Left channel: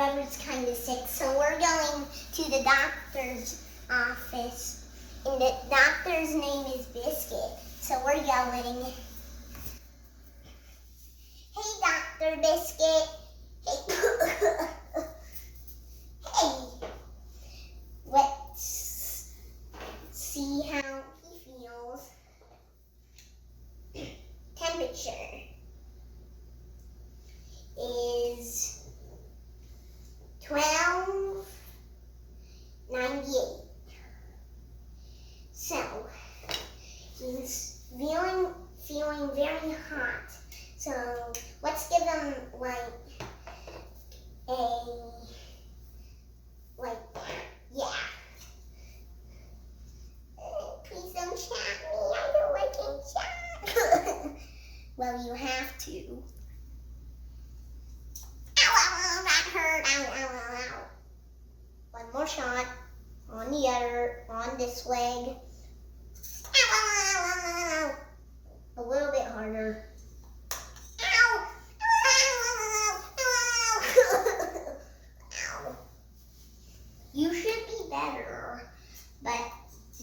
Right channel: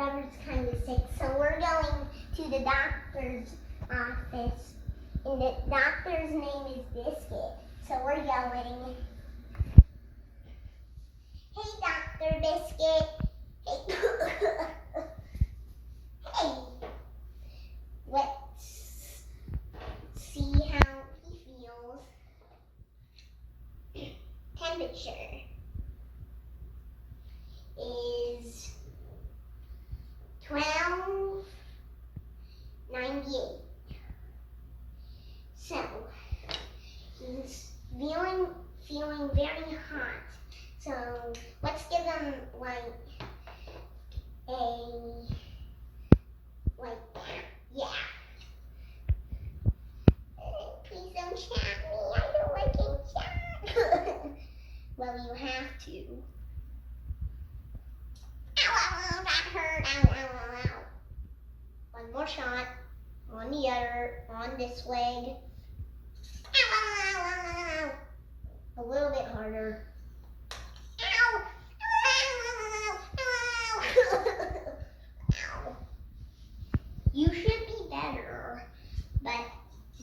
brother's kind of sick, so we're going to the doctor's office. And the doctor's name is Biscuit, so we're going. Hey, Dr. Biscuit. Hey. Hey. Let's see how he feels. Temperature is 1298. So he's feeling very hot. So let's give him yeah. Please don't chat me. I don't like being chat. Well, you have to. Ow, ow, ow, that hurt. Ow, ow, ow, ow. One more shot. On the other, on this leg. Ow, ow, ow, ow, ow. A little bit harder. Ow, ow, ow, ow, ow. You should be better, but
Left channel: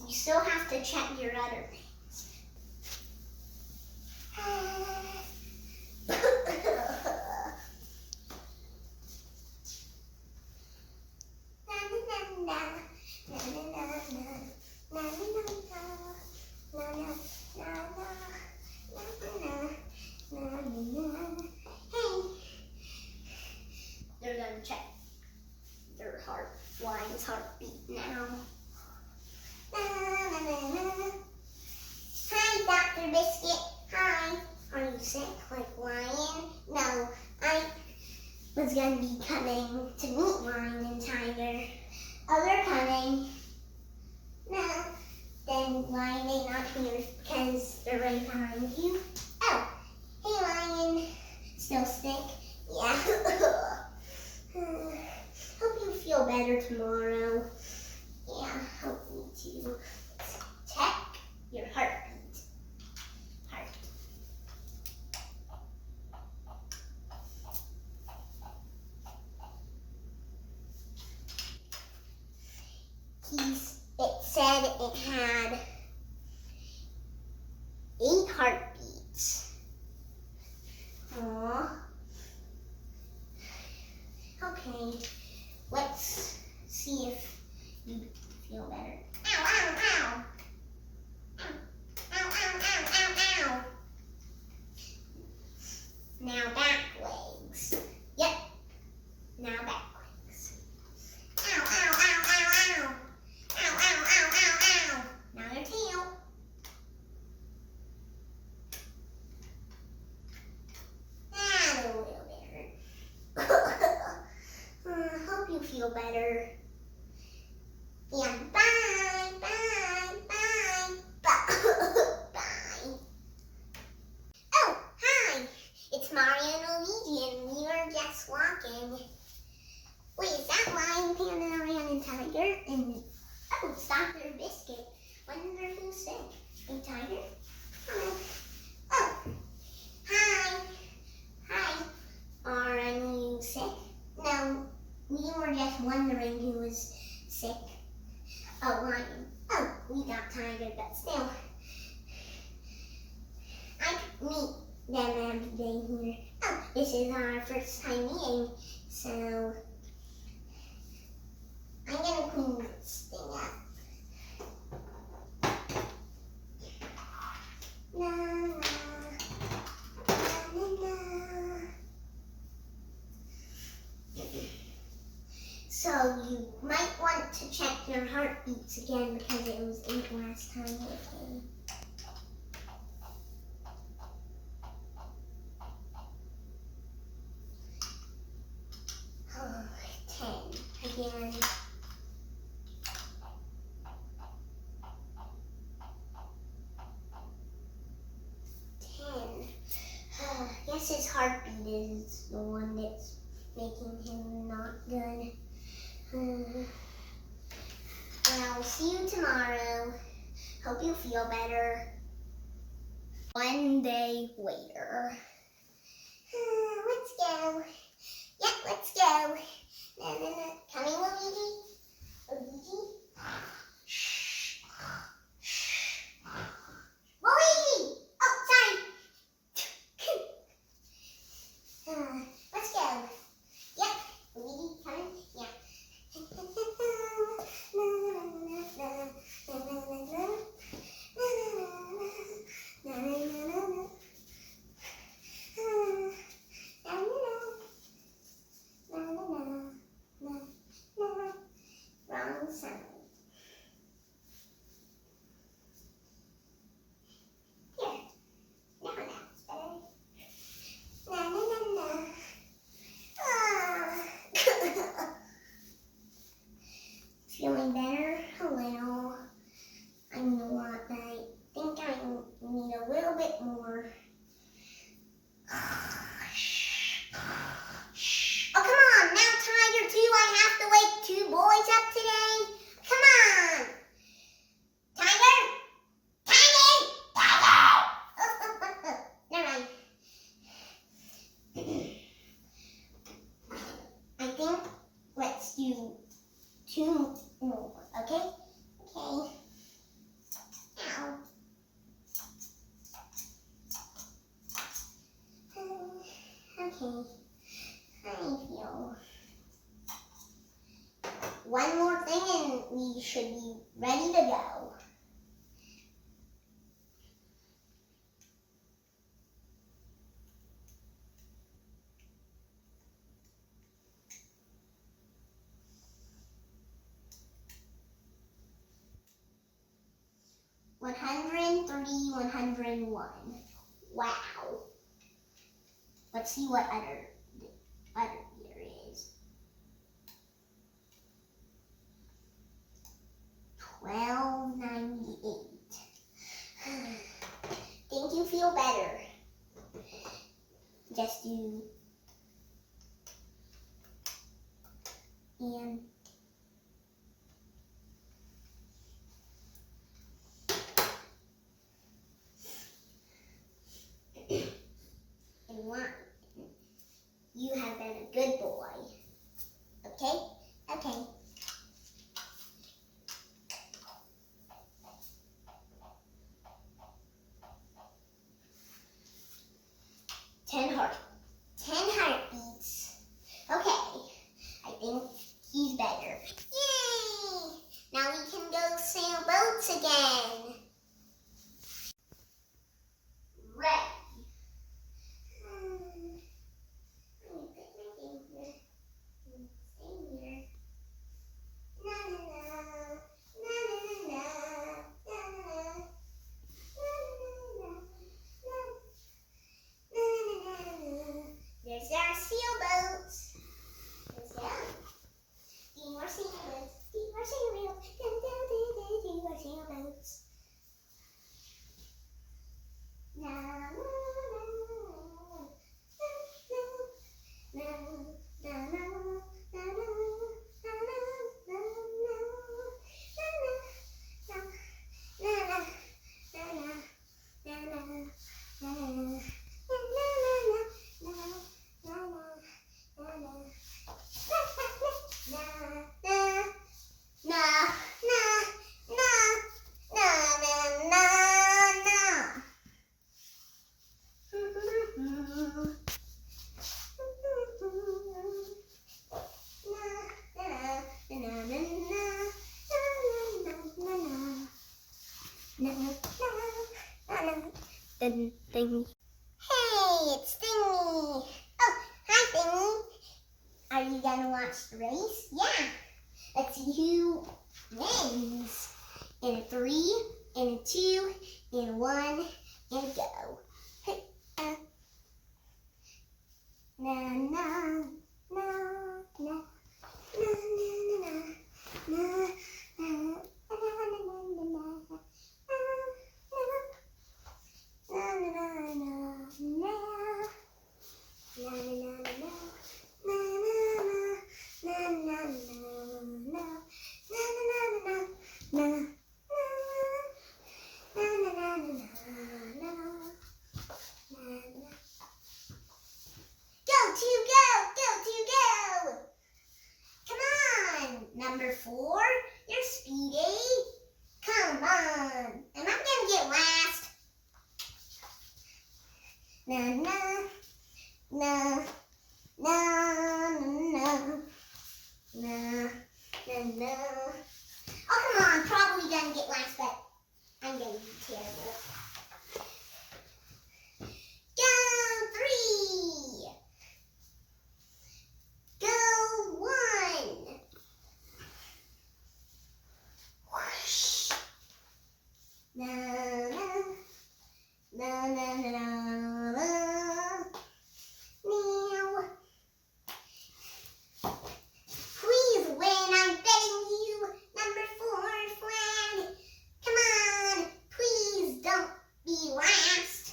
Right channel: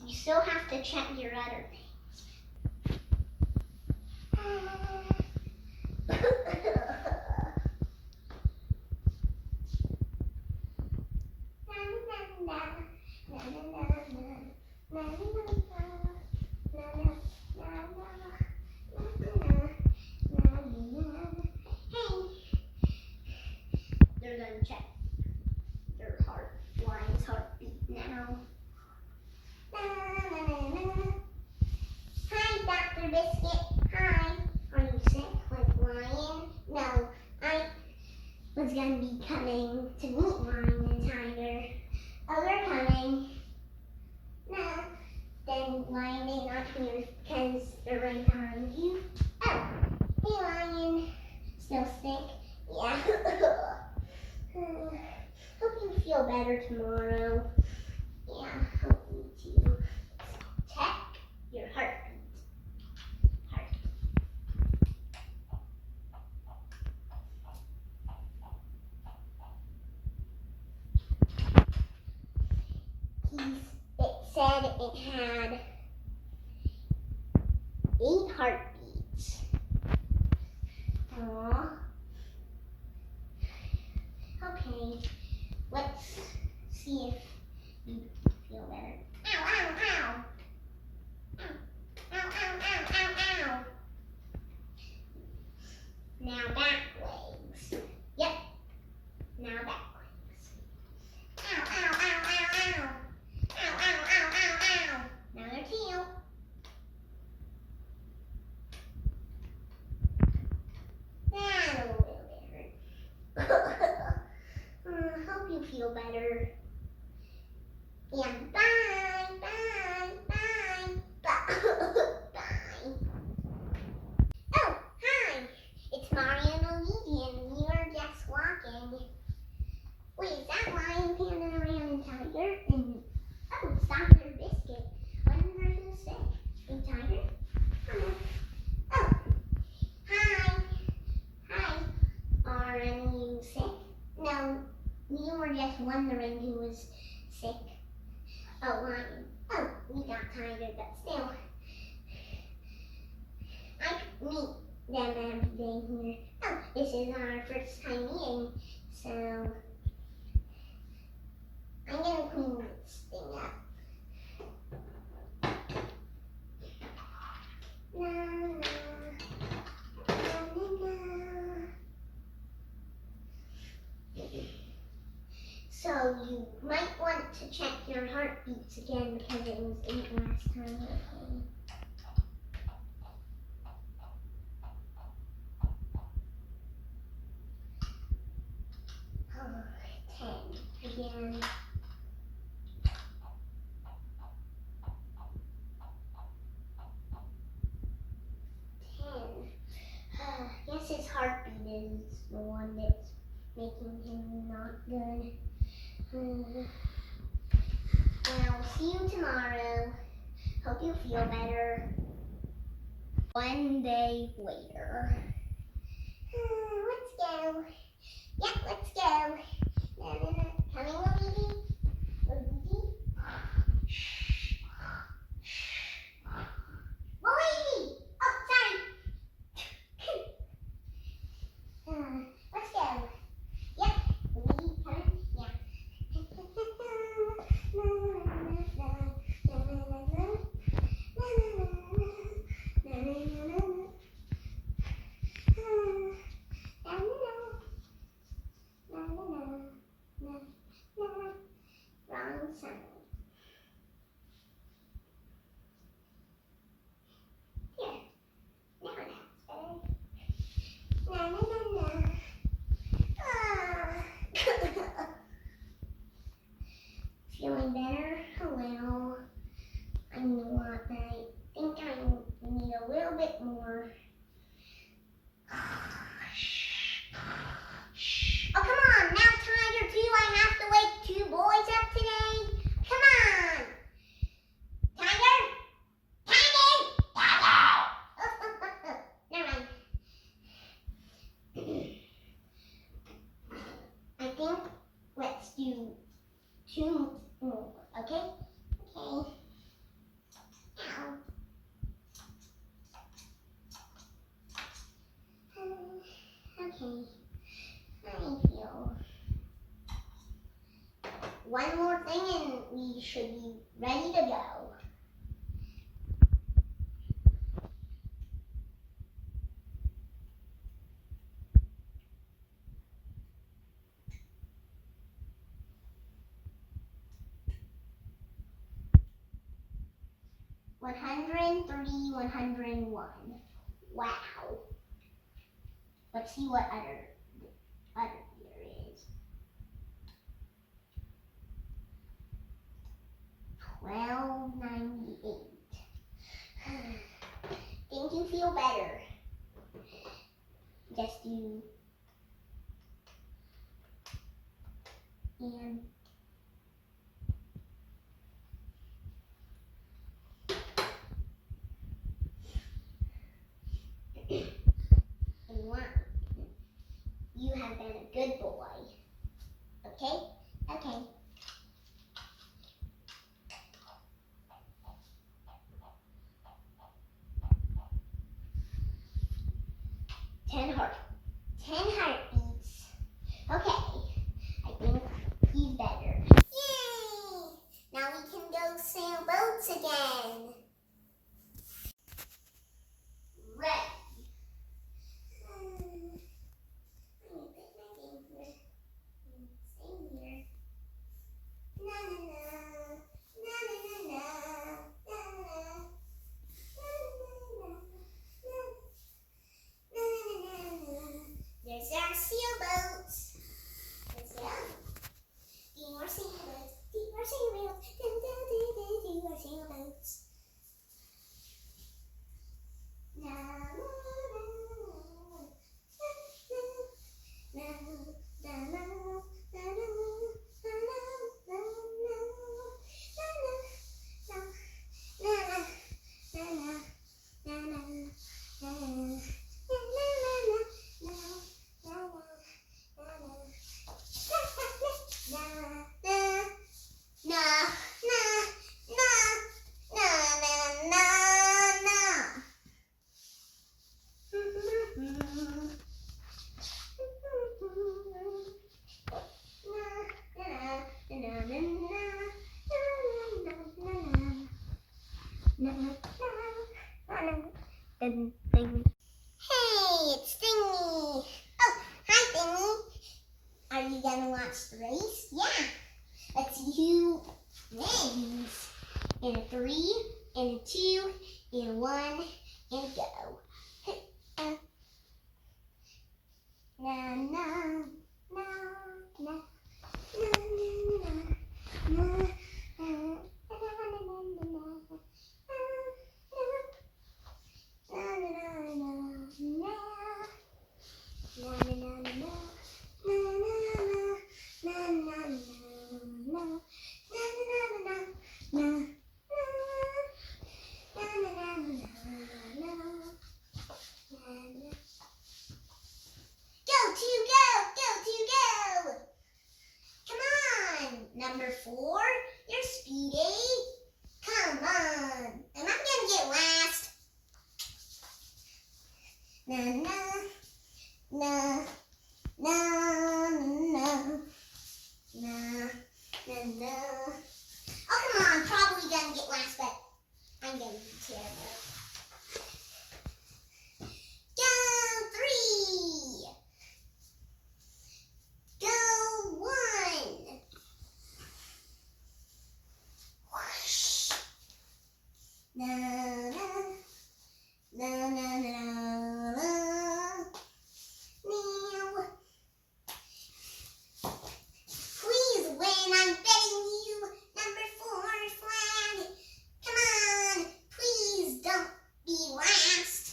you still have to check your other things. They're gonna check your Lion's heartbeat now. Hi, Dr. Biscuit. Hi. Are you sick like Lion? No, I was gonna be coming to meet Lion and Tiger. Oh, they're coming. No, then Lion may not here because they're right behind you. Oh, hey Lion. Still sick? Yeah. Hope you feel better tomorrow. Yeah, hope me too. Check your heartbeat. Heart. It said it had 8 heartbeats. Aww. Okay, let's see if you feel better. Ow, ow, ow. Ow, ow, ow, ow, ow. Now back legs. Yep. Now back legs. Ow, ow, ow, ow, ow. Ow, ow, ow, ow, ow. Now their tail. That a little bit hurt. Hope you feel better. And bye, bye, bye, bye, bye. Oh, hi. It's Mario and Luigi, and we were just walking. Wait, is that Lion, Panda, Ram, and Tiger? And oh, it's Dr. Biscuit. Wonder who's sick. Hey, Tiger. Oh, hi. Hi. Are any of you sick? No, we were just wondering who was sick. Oh, Lion. Oh, we got Tiger, but still. I meet them every day here. Oh, this is our first time meeting, so I'm gonna clean this thing up. Na, na, na, na, na. So you might want to check your heartbeats again because it was 8 last time you came. Oh, 10 again. 10. Guess his heartbeat is the one that's making him not good. Well, see you tomorrow. Hope you feel better. One day later. Let's go. Yep, let's go. Coming, Luigi. Luigi. Luigi! Oh, sorry. Let's go. Yep. Luigi, coming? Yeah. Wrong sound. Here. Now that's better. Na na na na. Ah. Feeling better? A little. I'm not. I think I need a little bit more. Oh, come on. Now, Tiger 2, I have to wake 2 boys up today. Come on. Tiger? Tiger? Tiger! Never mind. I think let's do 2 more, okay? Okay. Ow. Okay. I feel. One more thing and we should be ready to go. One 101. Wow. Let's see what other year is. 1298. Think you feel better? Just do and one. You have been a good boy. Okay? Okay. Ten heartbeats. Okay. I think he's better. Yay! Now we can go sail boats again. Ready. There's our sailboats. Let's go. Do more sailboats. Do more sailboats. Do more sailboats. Na na na na na na Hey, it's Thingy. Oh, hi Thingy. Are you gonna watch the race? Yeah. Let's see who wins. In a 3, in a 2, in a 1, and go. Na na na na na na na. 4. You're speedy. Come on. Am I gonna get last? Na na na na na na na na. Oh, come on. Probably gonna get last, but I'm gonna be terrible. Go 3. Go 1. Whoosh. Na na na na na na na. Meow. Please win, I'm betting you. Number 4 flag. Come on, please don't be last.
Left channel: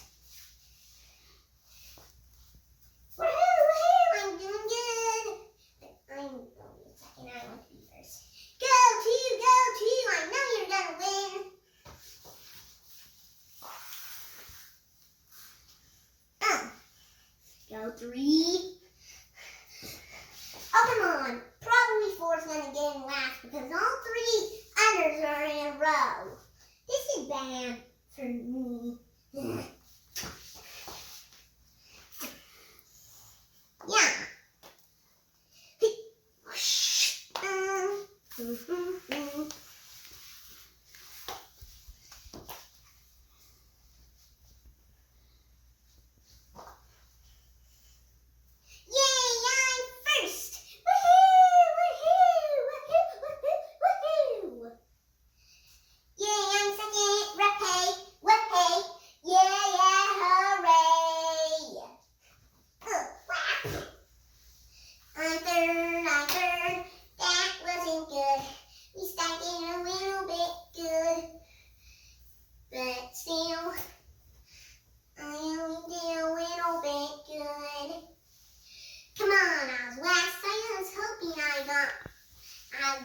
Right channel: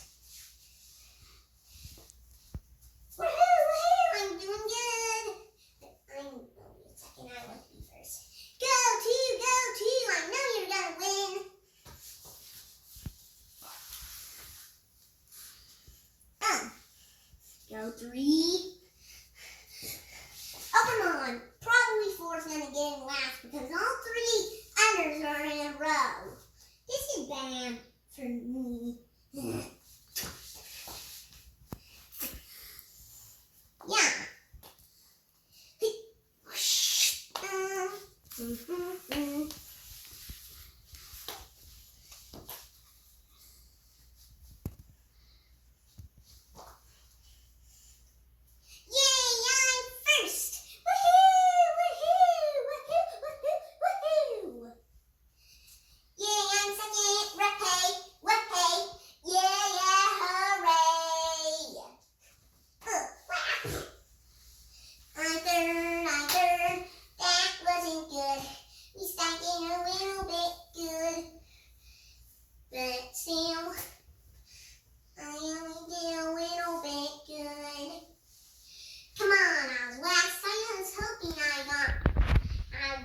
Woohoo, woohoo, I'm doing good. But I'm only a second, I want to be first. Go 2, I know you're gonna win. Go 3. Oh, come on. Probably 4 is going to get in last because all 3 others are in a row. This is bad for me. Yeah.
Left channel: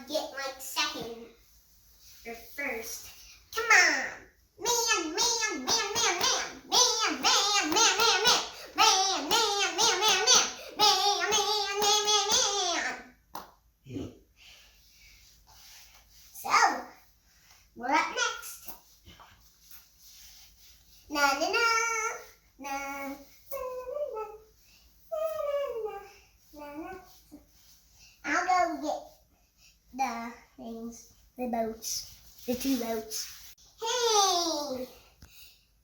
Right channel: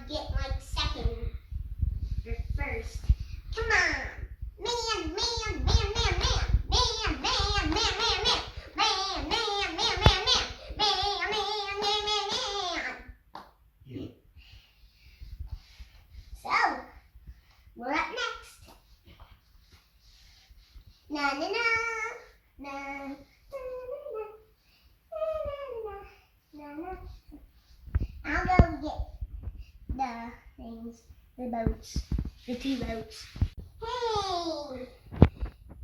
Get like second or first. Come on. Man, man, man, man, man. Man, man, man, man, man. Man, man, man, man, man. Man, man, man, man, man. So, we're up next. Na na na na na na na na. I'll go get the things, the boats, the 2 boats. Hey!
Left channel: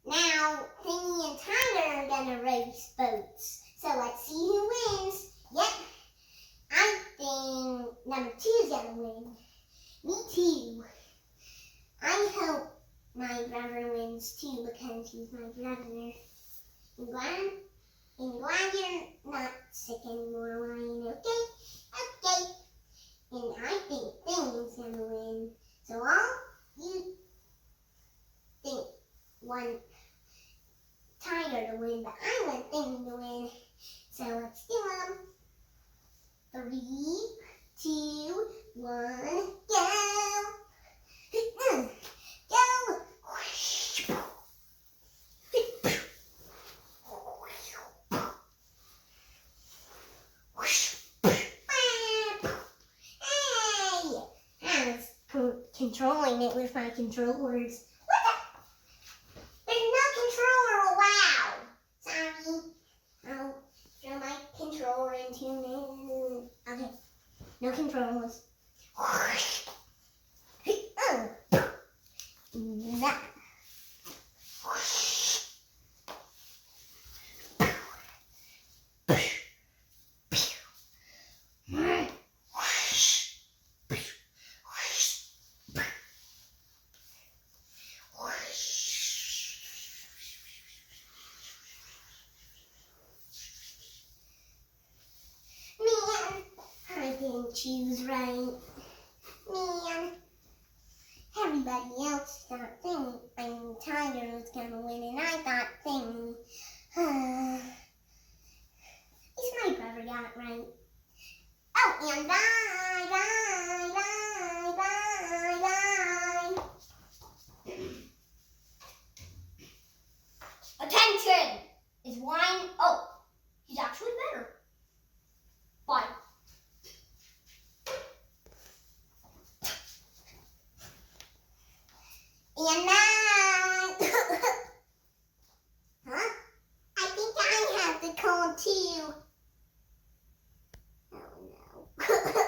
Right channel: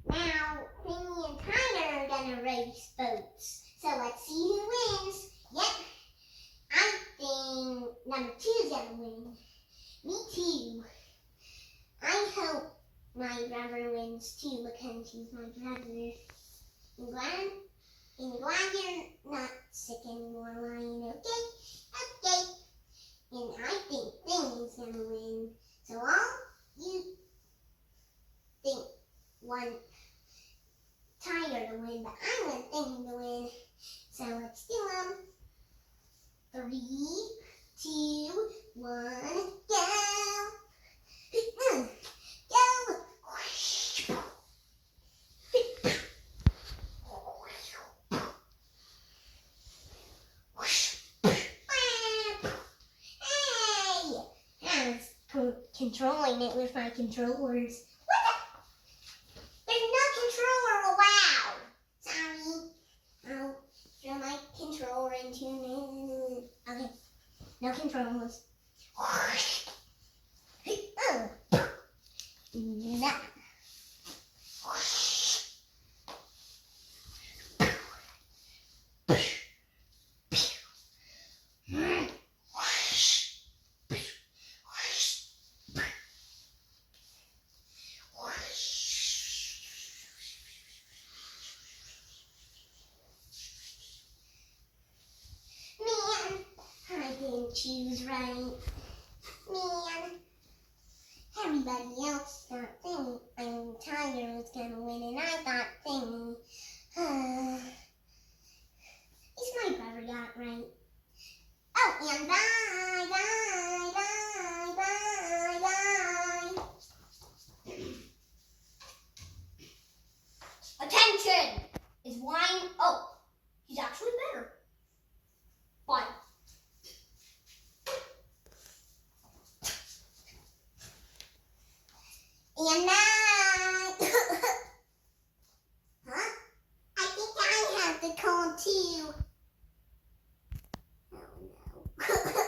Now, Thingy and Tyler are gonna race boats. So let's see who wins. Yep, I think number 2 is gonna win. Me too. I hope my brother wins too because he's my brother. I'm glad you're not sick anymore, Ryan, okay? Okay. And I think Thingy's gonna win. So all you think want Tyler to win, but I want Thingy to win. So let's do them. 3, 2, 1, go! Go! Controlling it with my controllers. What the? There's no controller allowed. Sorry. I'll throw my controller into me. Okay. No controllers. That. Choose right. Man, everybody else thought Tiger was gonna win, and I thought Thingy. At least my brother got it right. Oh, and bye, bye, bye, bye, bye. Attention! Is wine? Oh, he's actually better. Bye. ow.